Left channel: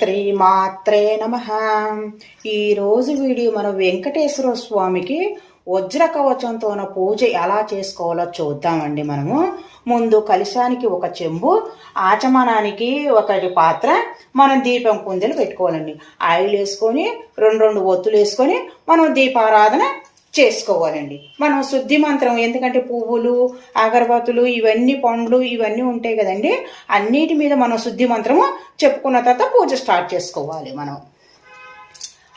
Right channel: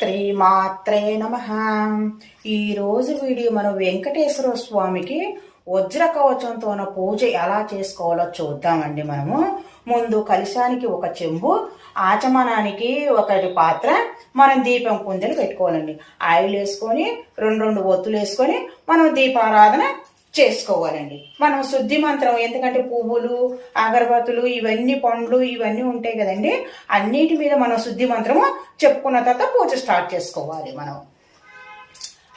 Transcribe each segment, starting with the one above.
శ్రీమాత్రే నమః. ఈరోజు వీడియో మనం వెంకటేశ్వర స్వామికి వజ్ర కవచంతో పూజ ఎలా చేసుకోవాలో చూద్దామండి. మనము ముందు కలశానికి ఒక చెంబు, ఆచమనానికి ఒకటి పాత్ర, మనం దీపం కుందెలు పెట్టుకోవాలండి. ఆయిల్ వేసుకొని రెండు ఒత్తులు వేసుకొని మనం దీపారాధన చేసుకోవాలండి. మనం శుద్ధి మంత్రం, ఎందుకంటే పువ్వులు, అగరబత్తులు, ఇవన్నీ పండ్లు ఇవన్నీ ఉంటాయి కదండి, అన్నిటి మీద మనం శుద్ధి మంత్రము చెప్పుకున్న తర్వాత పూజ స్టార్ట్ చేసుకోవాలి. మనం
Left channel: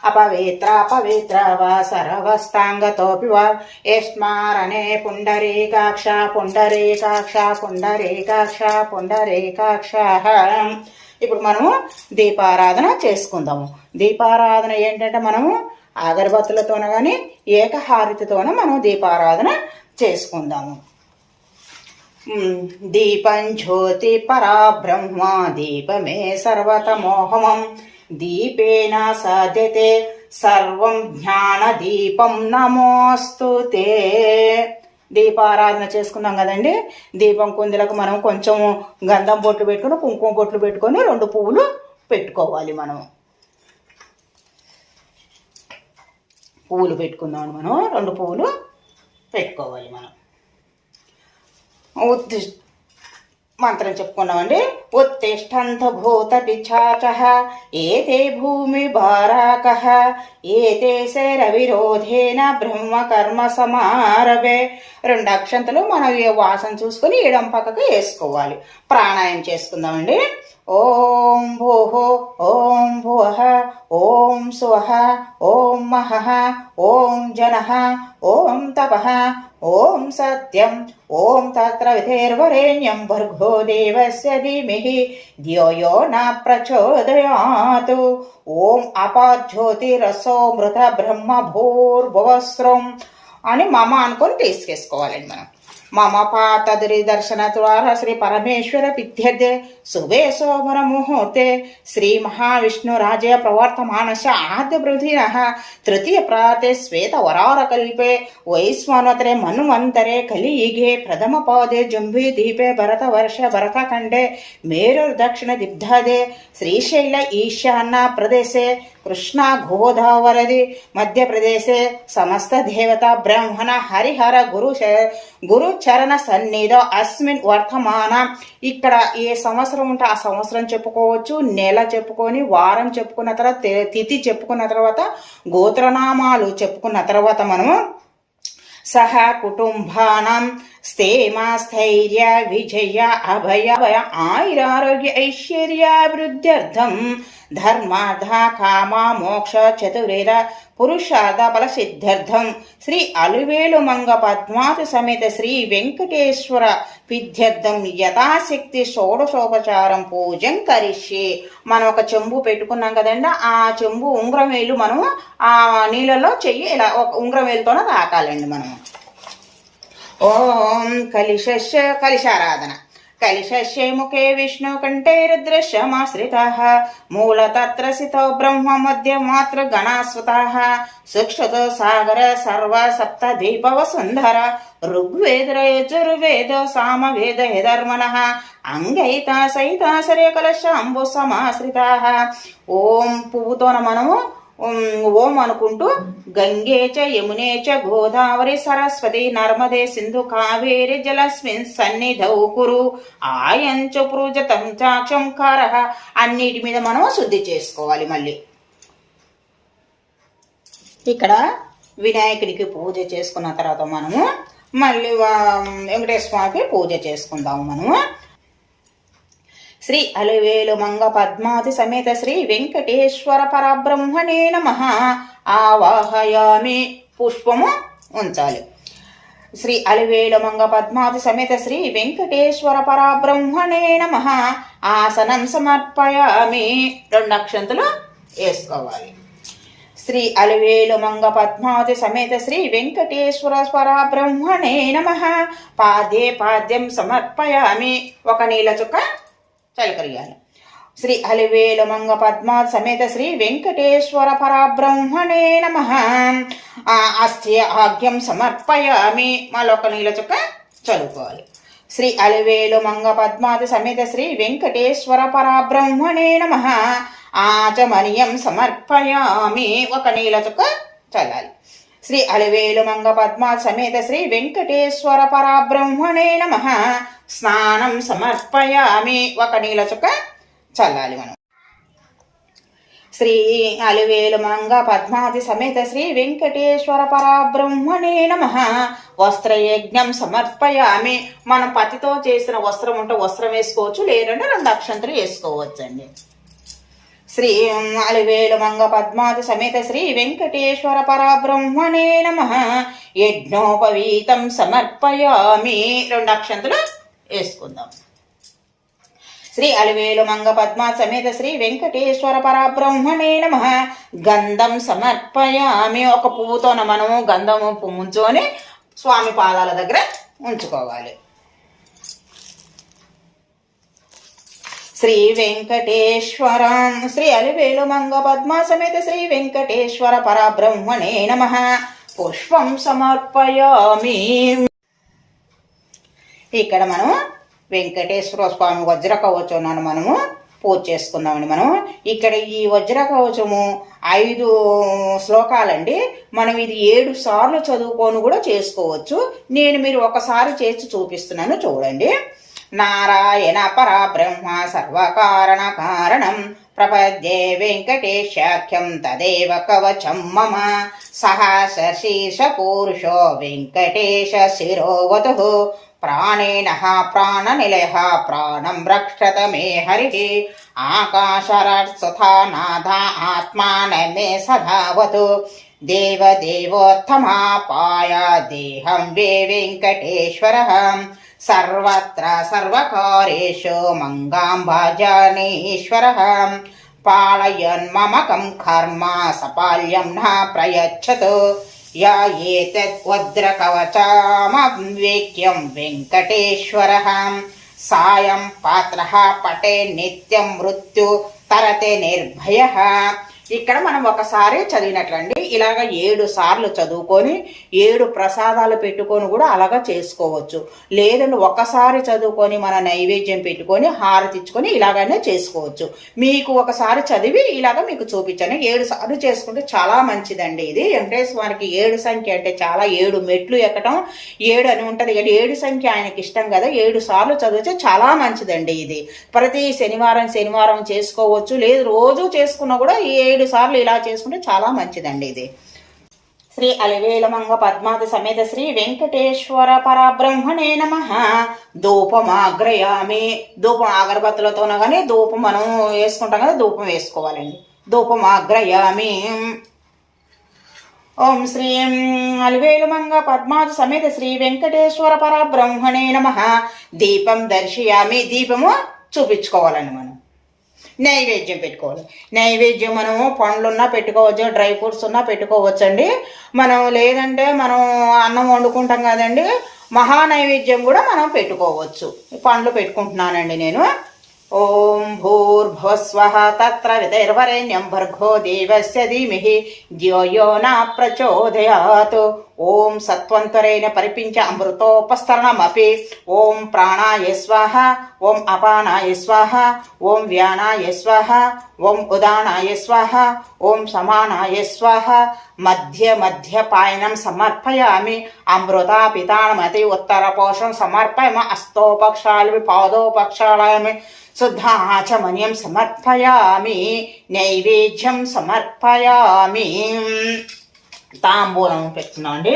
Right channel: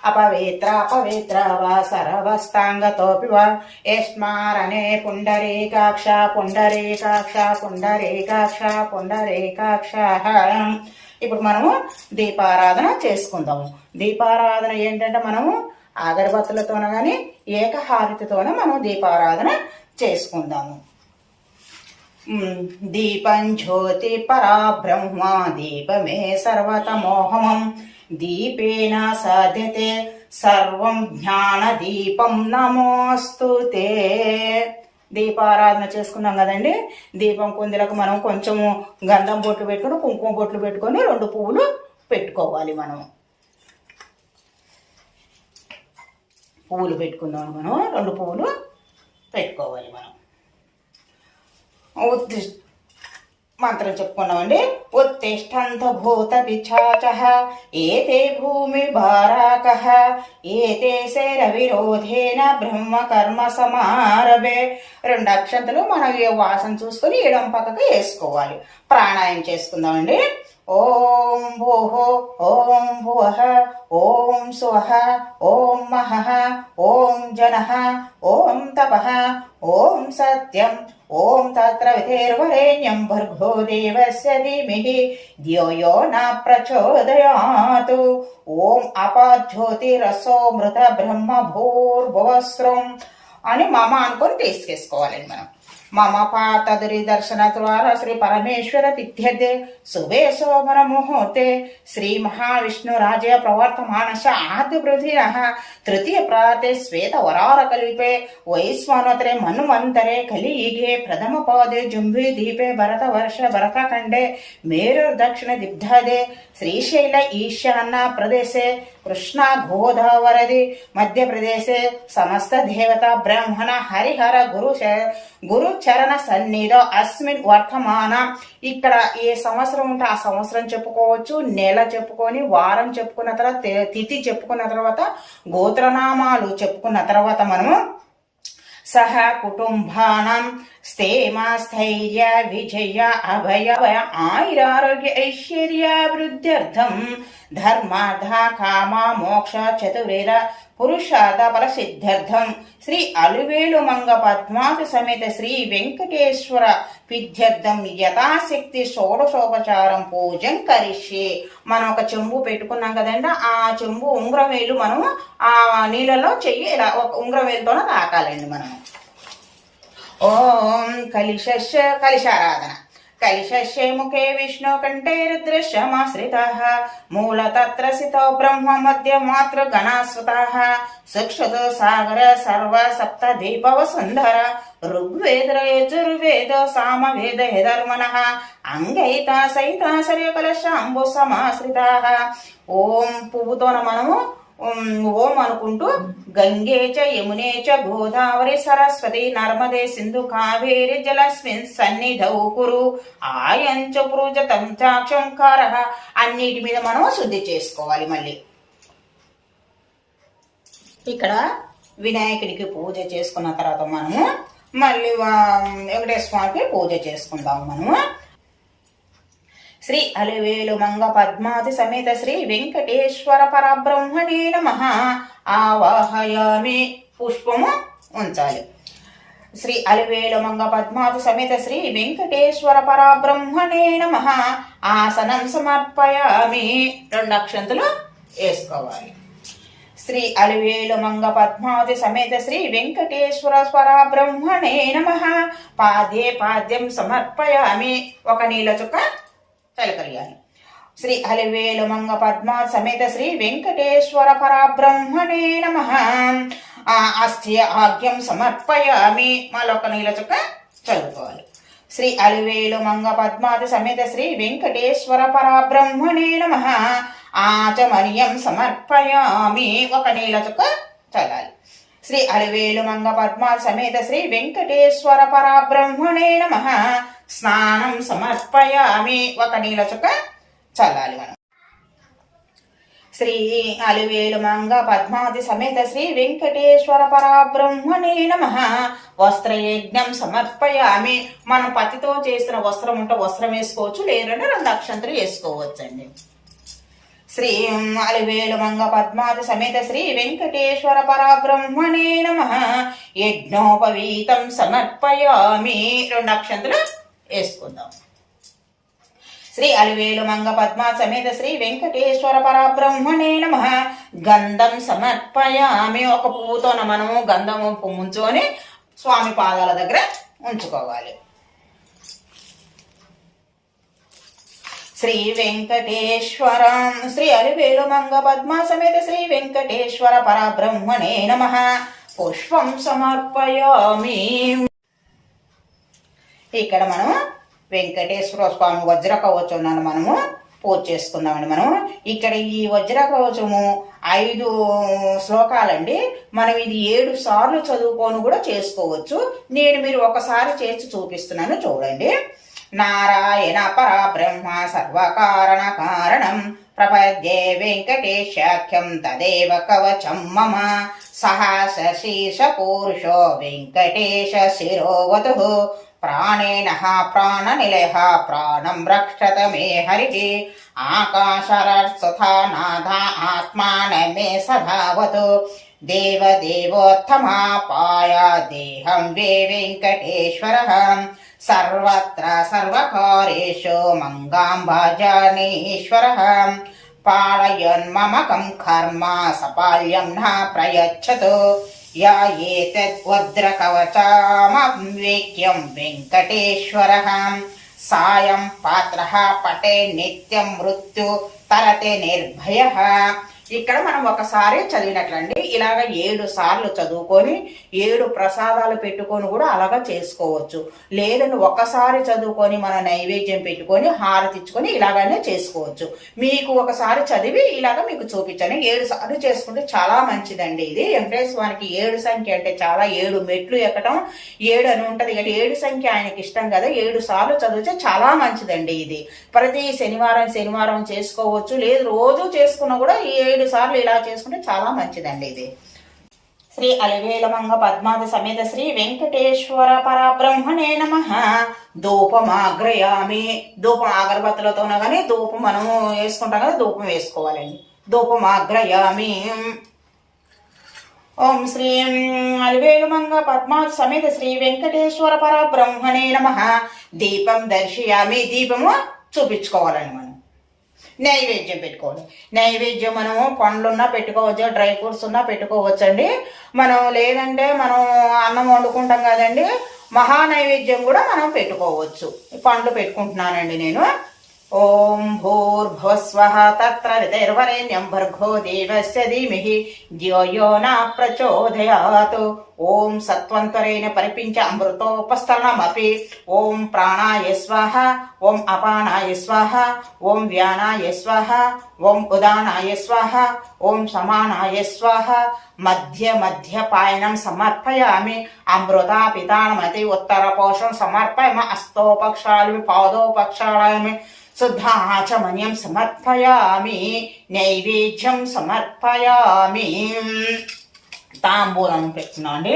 అపవిత్ర అపవిత్ర వా సర్వస్తాంగతోపి వా యస్మారణే పుండరీకాక్ష పుండరీకాక్ష పుండరీకాక్ష పుండరీకాక్ష. ఇప్పుడు మనము దీపారాధన చేసుకుందాము. దీపారాధన ఏంటంటే మనము అగరబత్తులతోన కానీ ఏకహారతితోన మనం దీపారాధన చేసుకుందాము. దీపం జ్యోతి పరాబ్రహ్మ దీపమే సర్వతమోహమం దీపేన సాధ్యతే సర్వం జ్ఞాన దీపం నమోస్తుతే. దీపారాధన చేసుకున్నాం కదండి. దీపం కుందులకు మనం కొంచెం గంధం బొట్లు పెట్టుకొని, కుంకుమ బొట్లు పెట్టుకొని 2 పువ్వులు పెట్టుకోవాలి. మనం పువ్వులు పెట్టుకుందాం. మనం 2 పువ్వులు పెట్టుకోవాలి. మనం మంత్రం చెప్పుకున్నామండి. ఉత్తిష్టంత భూత పిచాచః ఏతే భూమి భారాకః ఏతే శర విరోధేన బ్రహ్మ కర్మ సమారభే. 2 అక్షంతలు మనం వాసన చూసుకొని ఎడం పక్కకు వేసుకోవాలి. ప్రాణాయామం చేసుకుందామండి. ఓం భూః ఓం భువః ఓం స్వః ఓం మహః ఓం జనః ఓం తపః ఓం సత్యం ఓం తత్ర విధేర్వరేణ్యం భర్గో దేవస్య ధీమహి ధియో యో న ప్రచోదయాత్. ఓం అపాజ్యోతిరసో మృత బ్రహ్మ భూర్భువస్రం అని మమ అనుకొని తీసుకేసుకోవాలండి. మనం మమ పాతదురి దర్శన ద్వారా శ్రీ పరమేశ్వర పిత్యదే శుభే శోభన ముహూర్తే శ్రీ మహావిష్ణు రాజే ప్రవర్తమానశ ఆద్య పృథినః తృతీయ ప్రాతే శ్వేత వరార కల్పే వైశ్వానోత్తరే మన్వంతరే కలియుగే ప్రథమ పాదే జంబీ దీపే భరత వర్ష భరత ఖండే మేరుర్ దక్షిణ దిగ్ధాదే శ్రీశైల ఈశాన్య ప్రదేశే కృష్ణా గోదావరది మధ్యప్రదేశే సమస్త దేవత బ్రాహ్మణ హరిహర గురు చరణ సన్నిధో అస్మిన్ వర్తమాన. ఇక్కడ ఏ సంవత్సరం ఉంటే ఆ సంవత్సరం చెప్పుకోవచ్చు, నెల చెప్పుకొని, వారం చెప్పుకున్న తర్వాత, తిథి చెప్పుకున్న తర్వాత, గోత్రనామాలు చెప్పుకున్న తర్వాత మనము సహ కుటుంబానం స్థేమ స్థైర్య విజయ అభయ ఆయురారోగ్య ఐశ్వర్యాభివృద్ధ్యర్థం ధర్మార్థ కామ మోక్ష చతుర్వేద పురుషార్థ బల సిద్ధ్యర్థం శ్రీ అలివేలు మంగ పద్మావతి సమేత శ్రీ వెంకటేశ్వర పిద్ధ్యర్థం యథాశక్తి షోడశోపచారం పూజం కరిష్యే. మనం ఒక చెంబు పెట్టుకున్నాం కదండి, ఆ చెంబు ఉంగరం వేలు మనం ఆ నీళ్ళలో చెయ్యి ఇలా ఒక ఉంగరం వేలుతోనే తాకాలండి. మనం ఓం కలిశారాధన. కలిశస్య ముఖే విష్ణు కంఠే రుద్రశ్యమాశ్రితాః మూలతత్ర సితో బ్రహ్మ మధ్య మాతృ గణాస్వతాః సుక్షతో సాగర సర్వ సప్త దీప వసుంధర ఋగ్వేద యజుర్వేద సామవేద యధర్మణః అంగైత సైత సరే కలశాంబు సమాశ్రితాః. ఓం పువ్వుతోన మనము ఓం అనుకుంటూ గంగే చ యమునే చ గోదావరి సరస్వతి నర్మదే సింధు కావేరి జలస్మిన్ సన్నిధౌ కురు ఆయంచ పృజతం చాక్షంకారః. అన్నిటి మీద మనం శుద్ధి చేసుకోవాలి. మళ్ళీ ఇక్కడ వినాయకుడికి పూజ చేసుకున్న తర్వాత మనము మళ్ళీ వెంకటేశ్వర స్వామికి పూజ చేసుకుందాము. మనము శ్రీ అలివేలు మంగ పద్మావతి సమేత శ్రీ వెంకటేశ్వర పరబ్రహ్మణే నమః ఆవాహయామి. పుష్పము ఉంచాలి. శ్రీ అలివేలు మంగ పద్మావతి సమేత శ్రీ వెంకటేశ్వర పరబ్రహ్మణే నమః ఆసనం సమర్పయామి. 2 అక్షంతలు వేసుకోవాలి. శ్రీ అలివేలు మంగ పద్మావతి సమేత శ్రీ వెంకటేశ్వర పరబ్రహ్మణే నమః పాదే పాద్యం సమర్పయామి. ఒక నీళ్ళ చుక్క చలికరియాలి. శ్రీ అలివేలు మంగ పద్మావతి సమేత శ్రీ వెంకటేశ్వర పరబ్రహ్మణే నమః అస్థ్య ఆగ్యం సమర్పయామి. మరొక నీళ్ళ చుక్క చదువుకోవాలి. శ్రీ అలివేలు మంగ పద్మావతి సమేత శ్రీ వెంకటేశ్వర పరబ్రహ్మణే నమః ఆచమనీయం సమర్పయామి. ఒక నీళ్ళ చుక్క చల్లాలి. శ్రీ అలివేలు మంగ పద్మ సమేత శ్రీ వెంకటేశ్వర పరబ్రహ్మణే నమః. స్నానం సమర్పయామి. ఒక నీళ్ళ చుక్క చల్లాలి మనం. శ్రీ అలివేలు మంగ పద్మాది సమేత శ్రీ వెంకటేశ్వర పరబ్రహ్మణే నమః. వస్త్రయజ్ఞం సమర్పయామి. మనం పత్తితో చేసిన వస్త్రం ఉంటే వస్త్రం వేసుకోవచ్చు, లేదంటే 2 అక్షంతలు వేసుకోవచ్చండి. శ్రీ అలివేలు మంగ పద్మాది సమేత శ్రీ వెంకటేశ్వర పరబ్రహ్మణే నమః. యజ్ఞోపవీతం సమర్పయామి. 2 అక్షంతలు వేసుకుందాం. శ్రీ అలివేలు మంగ పద్మ సమేత శ్రీ వెంకటేశ్వర పరబ్రహ్మణే నమః. గంధం సమర్పయామి. ఒక పువ్వుతోన మనము గంధము ముంచుకొని స్వామి పాదాల దగ్గర ఉంచుకోవాలి. శ్రీ వెంకటేశ్వరం. శ్రీ అలివేలు మంగ పద్మ సమేత శ్రీ వెంకటేశ్వర పరబ్రహ్మణే నమః. పుష్పం సమర్పయామి. ఇక్కడ మనం వెంకటేశ్వర స్వామి వజ్ర కవచాన్ని మనము పూజ చేసుకుందామండి. మనం ఇక్కడ ఈ వజ్ర కవచము 5 శ్లోకాలండి. మనం ఇది 7 సార్లు చదువుకొని కూడా చేసుకోవచ్చు. నేను మీరు ఒకసారి చేసి చూపిస్తున్నాను, చూడండి. నారాయణ పరబ్రహ్మ సర్వకారణ కారణం ప్రపద్యే వెంకటేశాఖ్యం తదేవ కవచం మమ. సహస్రశీర్ష పురుషో వెంకటేశ శిరోవతు. ప్రాణేన ప్రాణనిలయ ప్రాణం రక్షత మే హరి. ఆకాశరస్తథానాథ ఆత్మాన మే సదావతు. దేవదేవోత్తమాపాయ దేహం వే వెంకటేశ్వర. సర్వత్ర సర్వకార్యేషు మంగాం భజనీశ్వర. పాళయన్మమకం కర్మ సపాల్యం న ప్రయచ్చతు. యా ఏతద్వజ్రకవచమవేక్యం వెంకటేశ్వరః. సాయం పాత్రః పటే నిత్యం మృత్యు తరతే నిర్భయః. ఇక్కడ మనం ఒకసారి చదివినట్లండి. ఇలాగ 7 సార్లు చదువుకొని 7 ప్రసాదాలు పెట్టుకొని కూడా అలాగా చేసుకోవచ్చు. లేదంటే ఒకసారి చదువుకొని మన నైవేద్యం పెట్టుకొని హారతి ఇచ్చుకొని ఇలాగనే చేసుకోవచ్చు. మీకు ఒకసారి చదివి ఇలాగ మీకు చూపించాను. 7 సార్లు చేసుకుంటే చాలా మంచిదండి. ఇది వెంకటేశ్వరానికి 7 సంఖ్య అంటే చాలా 7 మెట్లు ఎక్కడం 7 అని ఉంటది. 7 సంఖ్య ఆయనకి ఇష్టం కదా. 7 సార్లు చదివితే చాలా మంచిదండి. ఇది ప్రతి శనివారం చేసుకోవచ్చు. లేదు రోజు చేసుకున్నా కూడా 7 సార్లు ఇలా చేసుకుంటే చాలా మంచిదండి. ఇది శ్రీ అలివేలు మంగ పద్మాది సమేత శ్రీ వెంకటేశ్వర పరబ్రహ్మణే నమః. ధూపమాగ్రయామి. ధూపం అగరబత్తులతోనో కానీ ధూపం మనం వేసుకుంటాం కదా, ధూపం వేసుకోవాలండి. ధూపమాగ్రయామి. ఓం శ్రీ అలివేలు మంగ పద్మాది సమేత శ్రీ వెంకటేశ్వర పరబ్రహ్మణే నమః. దీపం దర్శయామి. దీపము చూపించుకోవాలండి. మనం నైవేద్యం పెట్టుకోవాలి. నైవేద్యం మనము పండ్లున్నా పెట్టుకోవచ్చు, డ్రై ఫ్రూట్స్ ఉన్నా పెట్టుకోవచ్చండి. మనం లేదంటే మనం అన్నం వండుకుంటాం కదండి, మహా నైవేద్యం కూడా మనం పెట్టుకోవచ్చు. పండ్లు పెట్టుకుంటున్నానండి నేను. ఓం భూర్భువస్వః తత్సవితుర్వరేణ్యం భర్గో దేవస్య ధీమహి ధియో యో న ప్రచోదయాత్. ఓం సత్వంతరేణ పరిపించ అమృతోపస్తరణమపి. ఓం ప్రాణాయ స్వాహ. ఓం అపానాయ స్వాహ. ఓం వ్యానాయ స్వాహ. ఓం ఉదానాయ స్వాహ. ఓం సమానాయ స్వాహ. మధ్య పాయనం సమర్పయామి. అమృతాపితానమతి ఉత్తరపోషం సమర్పయామి. అస్తోపక్షాళి పాదోపక్షాళామి. శుద్ధాచమన్యం సమర్పయామి. నైవేద్యం సమర్పయామి. తాంబూలం పెట్టుకున్నాం అండి.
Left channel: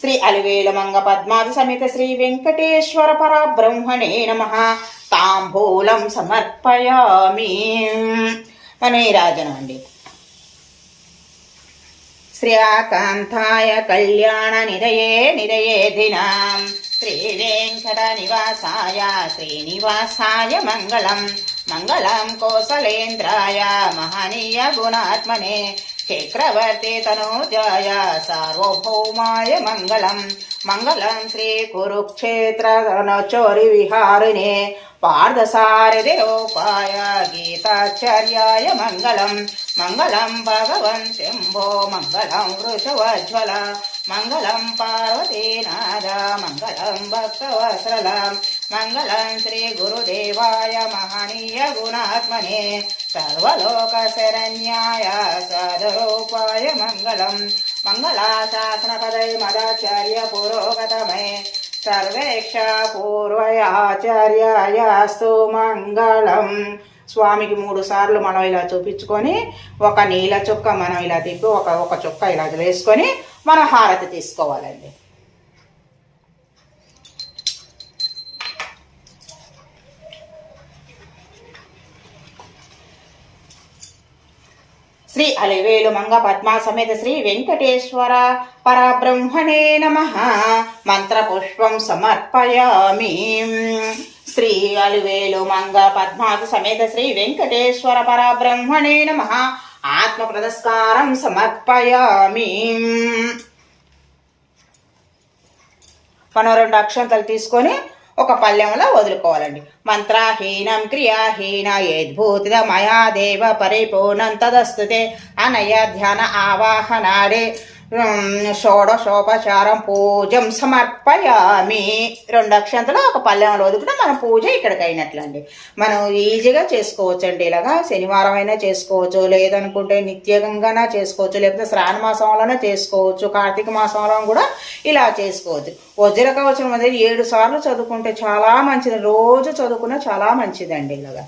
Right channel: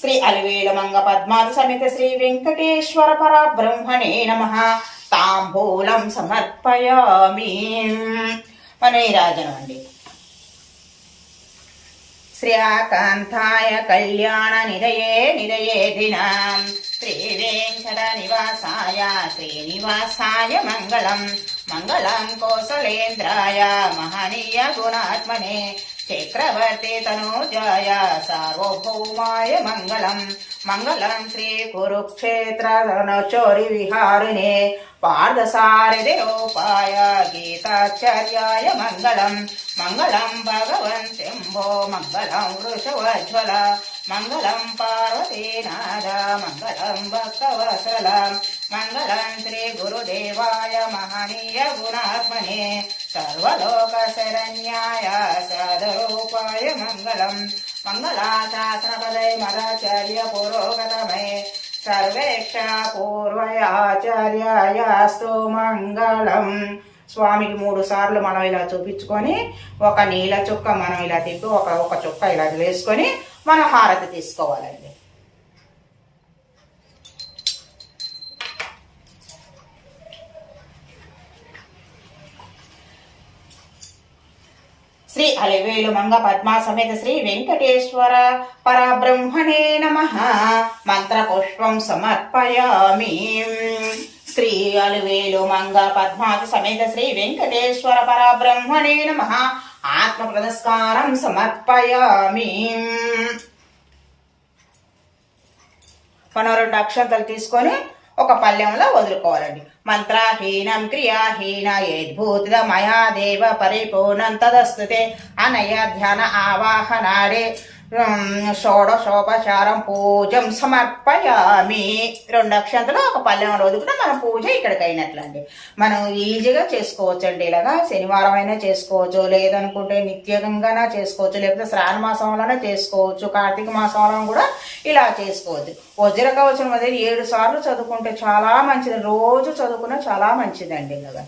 శ్రీ అలివేలు మంగ పద్మాది సమేత శ్రీ వెంకటేశ్వర పరబ్రహ్మణే నమః. తాంబూలం సమర్పయామి. మన ఈ రాజనం అండి. శ్రీకాంతాయ కళ్యాణ నిరయే దినాం. శ్రీ వెంకట నివాసాయ శ్రీనివాసాయ మంగళం. మంగళం కోసలేంద్రాయ మహనీయ గుణాత్మనే. చక్రవర్తి తనూజాయ సార్వభౌమాయ మంగళం. మంగళం శ్రీ కురుక్షేత్ర రణచోరి విహారిణే. పార్థసారథిరూపాయ గీతాచార్యాయ మంగళం. మంగళం భగవన్ శంభో. మంగళం వృషవజ్వల. మంగళం పార్వతీనాథ. మంగళం భక్తవత్సల. మంగళం శ్రీ గురుదేవాయ మహనీయ గుణాత్మనే. సర్వలోక శరణ్యాయ సాధరూపాయ మంగళం మంగళాశాసన పదే మదాచార్య పురోగతమే సర్వేక్ష పూర్వయాచార్యాయాస్తు మంగళం. స్వామికి 3 సార్లు మనం ఇలా చూపించుకొని ఒక నీళ్ళ చుక్క మనం ఇలా తిప్పి ఒక చుక్క ఇలా వేసుకొని మనం హారతి తీసుకోవాలండి. శ్రీ అలివేలు మంగ పద్మా సమేత శ్రీ వెంకటేశ్వర పరబ్రహ్మణే నమః మంత్రపుష్పం సమర్పయామి. శ్రీ అలివేలు మంగ పద్మాతి సమేత శ్రీ వెంకటేశ్వర పరబ్రహ్మణే నమః ఆత్మ ప్రదస్కారం సమర్పయామి. 2 అక్షంతలు తీసుకొని ఒక పళ్ళెంలో వదులుకోవాలండి. మంత్రహీనం క్రియాహీన యద్భూతిద మయా దేవ పరిపూర్ణం తదస్తుతే అనయ ధ్యాన ఆవాహనాడే షోడశోపచారం పూజం సమర్పయామి. 2 అక్షంతలు ఒక పళ్ళెంలో వదులుకుంటే మన పూజ ఇక్కడికి అయినట్లండి. మనం ఈజీగా చేసుకోవచ్చండి. ఇలాగా శనివారం అయినా చేసుకోవచ్చు, లేదనుకుంటే నిత్యంగానే చేసుకోవచ్చు, లేకపోతే శ్రావణ మాసంలోనే చేసుకోవచ్చు, కార్తీక మాసంలో కూడా ఇలా చేసుకోవచ్చు. వజ్ర కవచం అనేది 7 సార్లు చదువుకుంటే చాలా మంచిది. రోజు చదువుకున్న చాలా మంచిదండి. ఇలాగా